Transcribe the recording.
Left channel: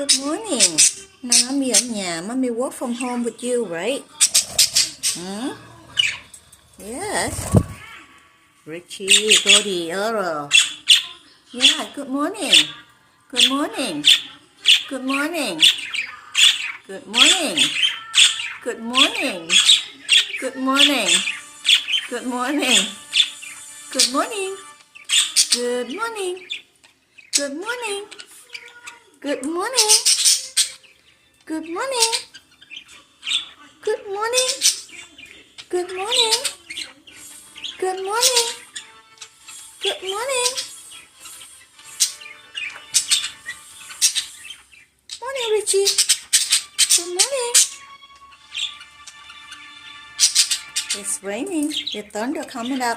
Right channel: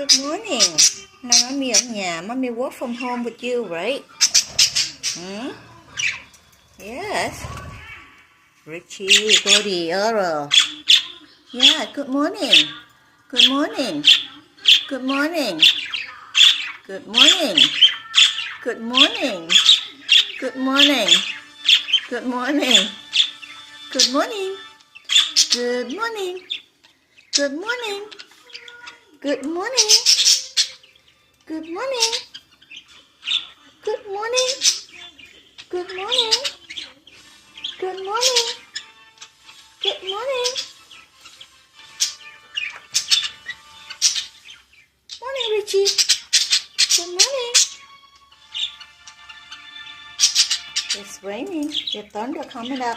Good morning. Now mommy ở nhà. Mommy work from home with you, right? Yes. Richie, Cody, Earl. Yeah, good morning. Good morning. Good morning. Good morning. Good morning. Good morning. Good morning. Good morning. Good morning. Good morning. Good morning. Good morning. Good morning. Good morning. Good morning. Good morning. Morning, Richie. Good morning. It's raining. The thunder coming up.